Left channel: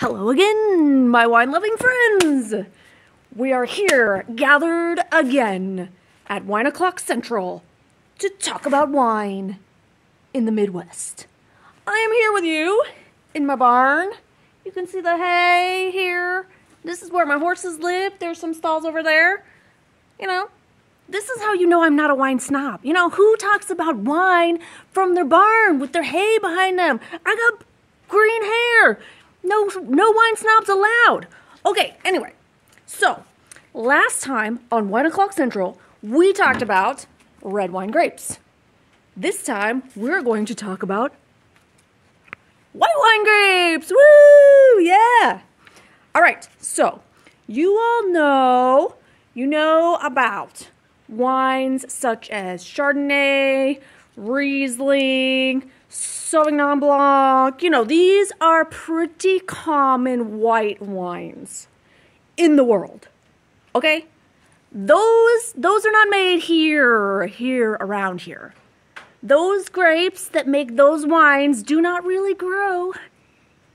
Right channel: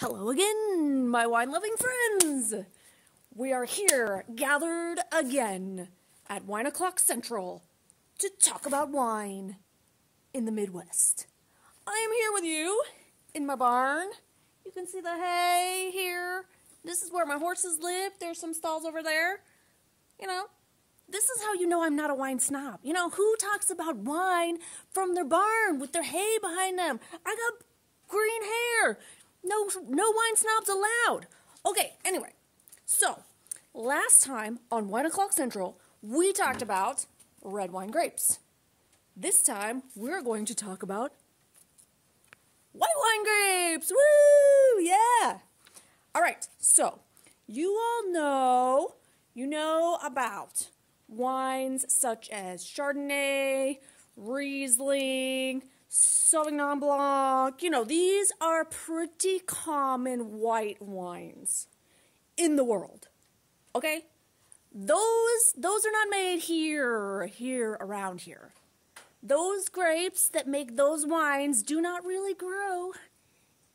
Hello again, my wine-loving friends! We are here, gathered again, at Wine O'Clock Central, to talk about wine in the Midwest. I am here with you, in my barn. You can see the hay here. This is where my horses live. There's some stalls over there. You know, this is how you know I'm not a wine snob. You know, who talks about wine from their barn with their hay behind them? I got green hair. No wine snobs allowed. Okay, anyway. So, last time on Wine O'Clock Central, we talked about red wine grapes. This time, we're going to talk about white wine grapes. Woo! Yeah! All right, so, you all know, about wines such as Chardonnay, Riesling, Sauvignon Blanc. You know, these are pretty common white wines in the world. Okay? Those are not made here around here. Those grapes that make those wines do not really grow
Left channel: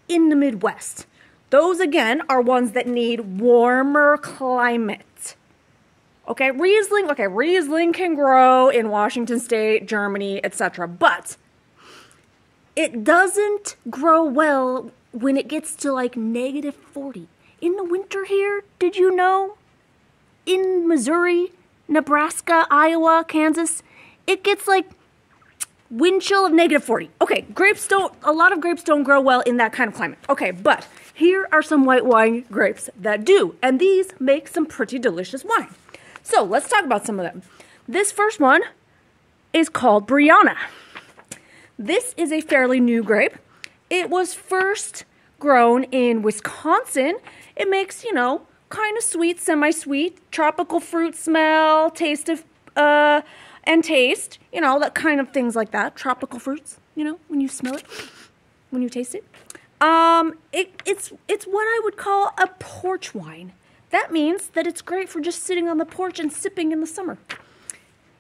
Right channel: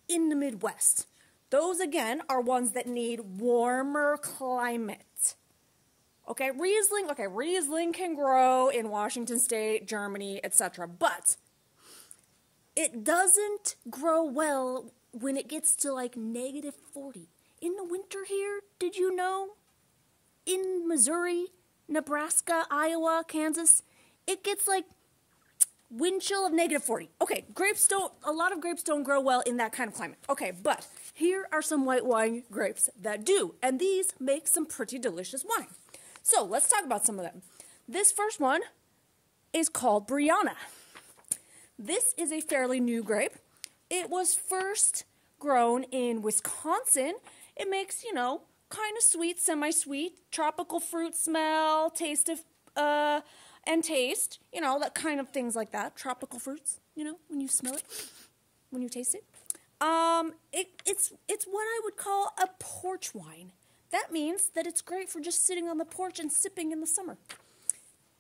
in the Midwest. Those, again, are ones that need warmer climate. Okay, Riesling can grow in Washington State, Germany, etc. But it doesn't grow well when it gets to like -40. In the winter here, did you know? In Missouri, Nebraska, Iowa, Kansas, it gets like wind chill of -40. Okay, a lot of grapes don't grow well in that kind of climate. Okay, but here are some white wine grapes that do, and these make some pretty delicious wine. So let's talk about some of them. This first one is called Brianna. This is a fairly new grape. It was first grown in Wisconsin. It makes, you know, kind of sweet, semi-sweet, tropical fruit smell, taste of, and taste, you know, that kind of things like that. Tropical fruits, you know, when you smell it, when you taste it. It's what I would call a porch wine. That means that it's great for just sitting on the porch and sipping in the summer.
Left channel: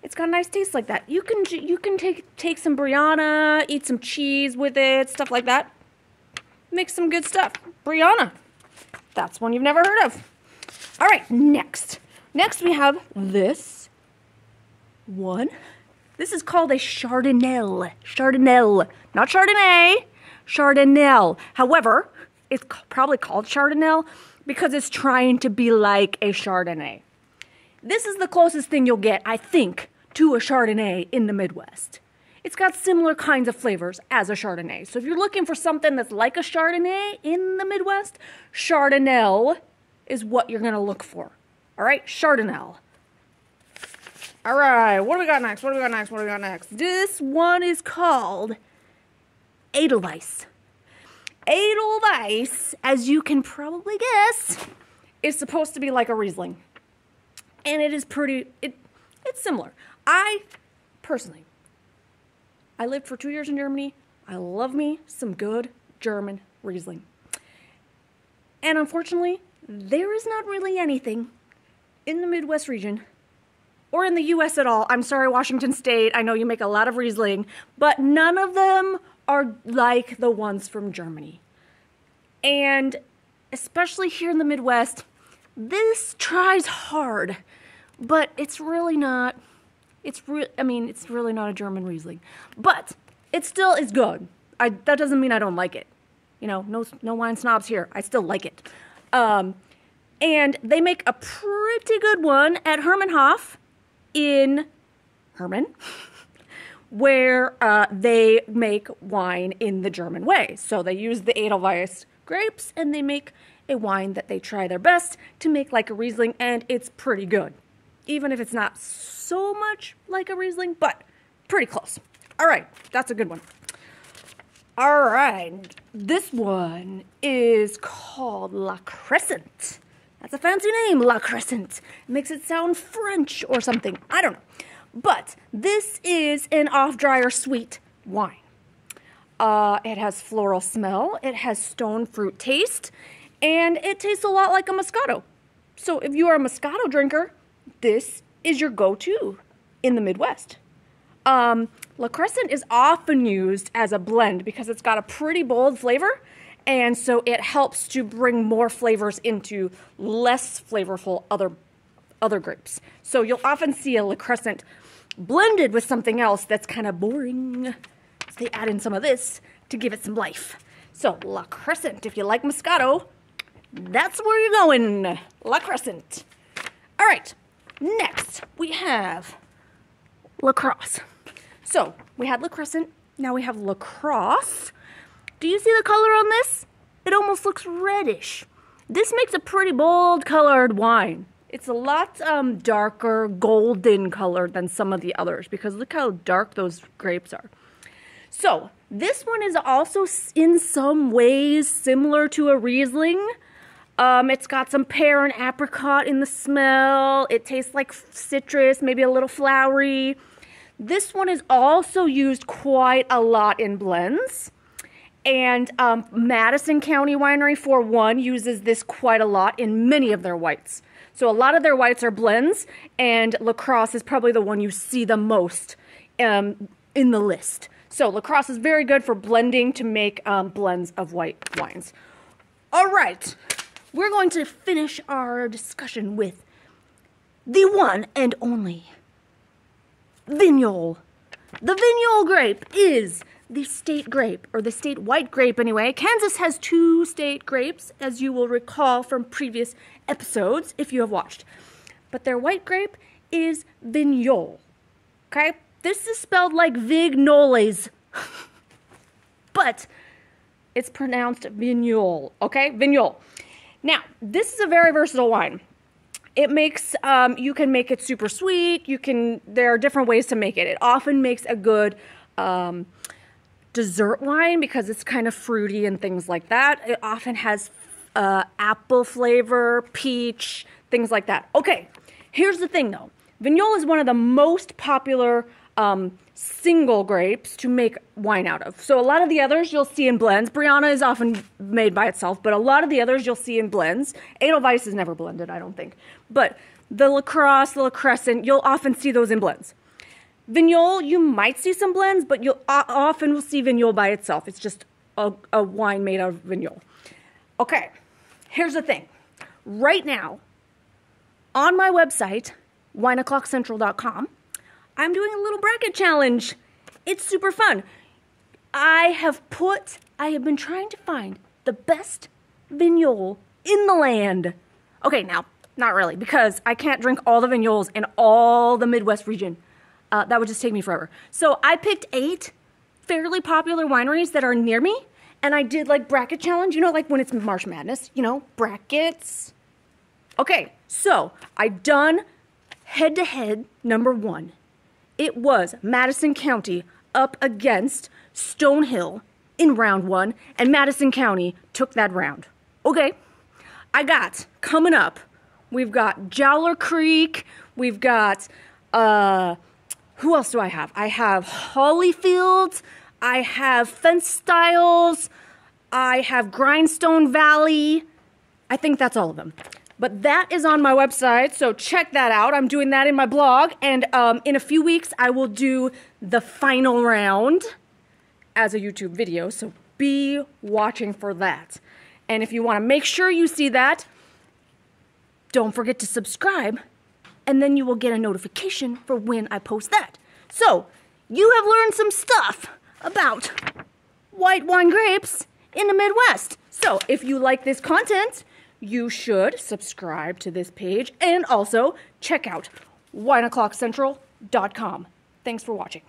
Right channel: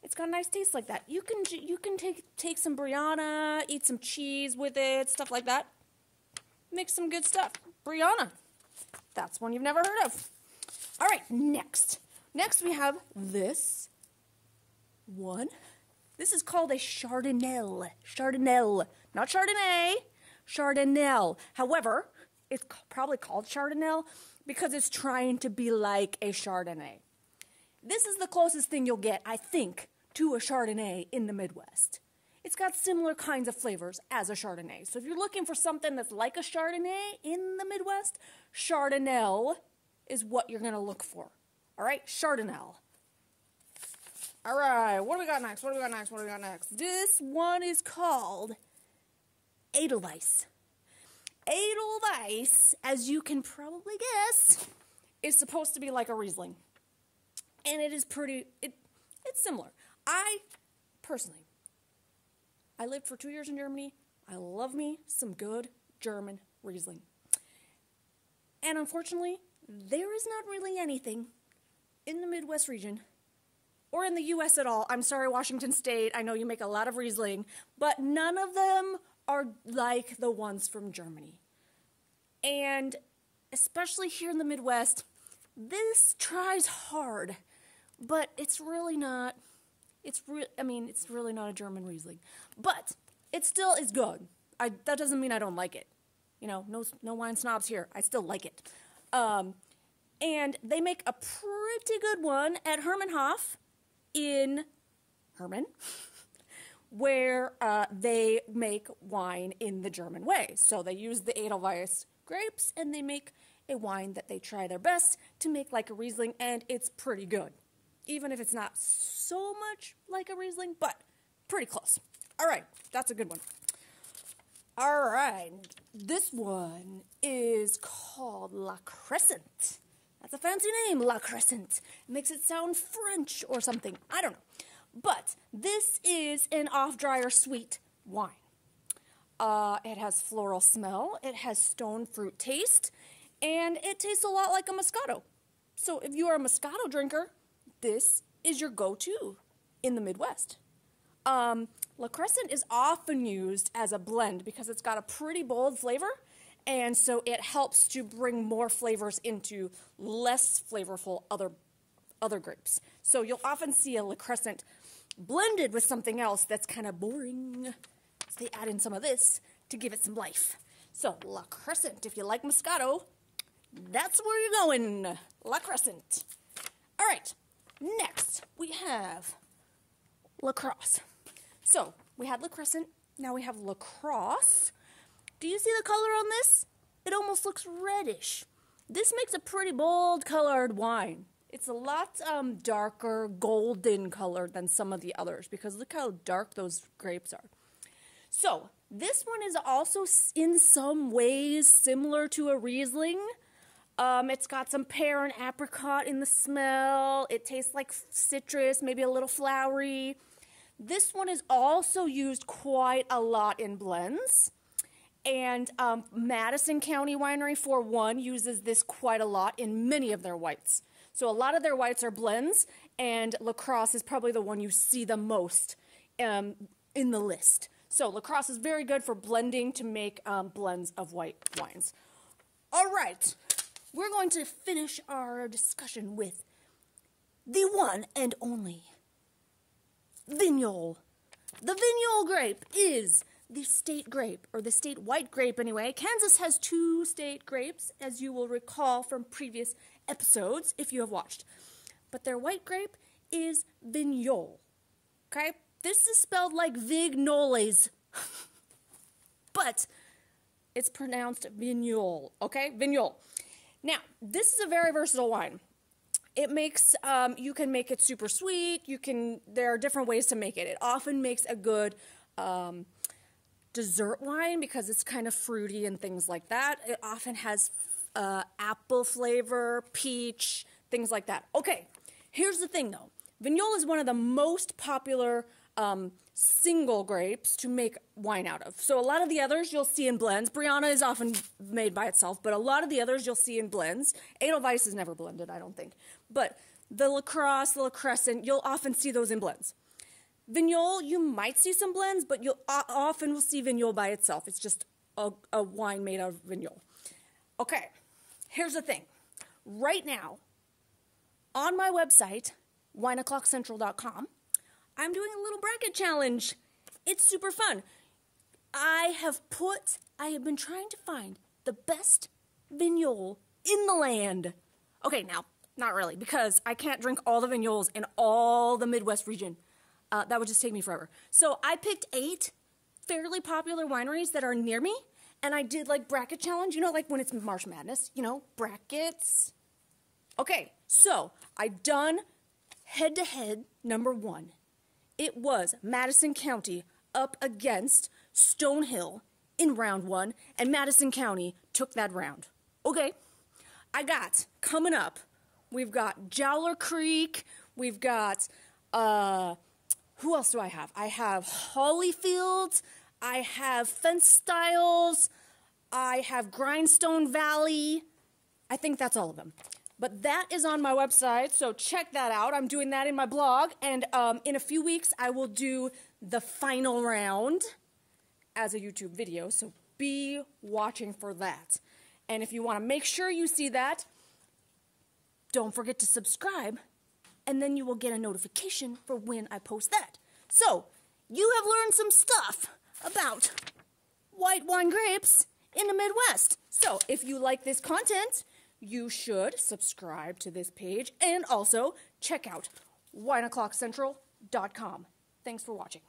It's got a nice taste like that. You can take some Brianna, eat some cheese with it, stuff like that. Make some good stuff. Brianna. That's one you've never heard of. All right, next. Next we have this one. This is called a Chardonnay. Chardonnay. Not Chardonnay. Chardonnay. However, it's probably called Chardonnay because it's trying to be like a Chardonnay. This is the closest thing you'll get, I think, to a Chardonnay in the Midwest. It's got similar kinds of flavors as a Chardonnay. So if you're looking for something that's like a Chardonnay in the Midwest, Chardonnay is what you're going to look for. All right, Chardonnay. All right, what do we got next? This one is called Edelweiss. Edelweiss, as you can probably guess, is supposed to be like a Riesling. And it is it's similar. Personally, I lived for 2 years in Germany. I love me some good German Riesling. And unfortunately, there is not really anything in the Midwest region or in the U.S. at all. I'm sorry, Washington State. I know you make a lot of Riesling, but none of them are like the ones from Germany. And especially here in the Midwest, this tries hard, but it's really not. It's really not a German Riesling, but it still is good. That doesn't mean I don't like it. You know, no wine snobs here. I still like it. And they make a pretty good one at Hermanhof in Herman, where they make wine in the German way. So they use the Edelweiss grapes, and they make a wine that they try their best to make like a Riesling, and it's pretty good. Even if it's not so much like a Riesling, but pretty close. All right, that's a good one. All right, this one is called La Crescent. That's a fancy name, La Crescent. It makes it sound French or something. I don't know. But this is an off-dryer sweet wine. It has floral smell, it has stone fruit taste, and it tastes a lot like a Moscato. So if you are a Moscato drinker, this is your go-to in the Midwest. La Crescent is often used as a blend because it's got a pretty bold flavor And so it helps to bring more flavors into less flavorful other grapes. So you'll often see a La Crescent blended with something else that's kind of boring. So they add in some of this to give it some life. So La Crescent, if you like Moscato, that's where you're going. La Crescent. All right, next we have La Crosse. So we had La Crescent, now we have La Crosse. Do you see the color on this? It almost looks reddish. This makes a pretty bold colored wine. It's a lot darker golden colored than some of the others because look how dark those grapes are. So this one is also in some ways similar to a Riesling. It's got some pear and apricot in the smell. It tastes like citrus, maybe a little flowery. This one is also used quite a lot in blends. And Madison County Winery, for one, uses this quite a lot in many of their whites. So a lot of their whites are blends, and La Crosse is probably the one you see the most in the list. So La Crosse is very good for blending to make blends of white wines. All right, we're going to finish our discussion with the one and only Vignoles. The Vignoles grape is the state grape, or the state white grape anyway. Kansas has 2 state grapes, as you will recall from previous episodes if you have watched. But their white grape is Vignoles. Okay? This is spelled like Vignoles, but it's pronounced Vignoles. Okay? Vignoles. Now, this is a very versatile wine. It makes, you can make it super sweet. There are different ways to make it. It often makes a good dessert wine because it's kind of fruity and things like that. It often has apple flavor, peach, things like that. Okay, here's the thing though. Vignoles is one of the most popular single grapes to make wine out of. So a lot of the others you'll see in blends. Brianna is often made by itself, but a lot of the others you'll see in blends. Edelweiss is never blended, I don't think. But the La Crosse, the La Crescent, you'll often see those in blends. Vignoles, you might see some blends, but you'll often will see Vignoles by itself. It's just a wine made out of Vignoles. Okay, here's the thing. Right now, on my website, wineoclockcentral.com, I'm doing a little bracket challenge. It's super fun. I have been trying to find the best Vignoles in the land. Okay, now, not really, because I can't drink all the Vignoles in all the Midwest region. That would just take me forever. So I picked 8 fairly popular wineries that are near me, and I did like bracket challenge, you know, like when it's March Madness, you know, brackets. Okay, so I done head-to-head number 1. It was Madison County up against Stonehill in round 1, and Madison County took that round. Okay, I got, coming up, we've got Jowler Creek, we've got, who else do I have? I have Hollyfield, I have Fence Styles, I have Grindstone Valley. I think that's all of them. But that is on my website, so check that out. I'm doing that in my blog, and in a few weeks, I will do the final round as a YouTube video, so be watching for that. And if you want to make sure you see that, don't forget to subscribe, and then you will get a notification for when I post that. So, you have learned some stuff about white wine grapes in the Midwest. So, if you like this content, you should subscribe to this page and also check out wineoclockcentral.com. Thanks for watching.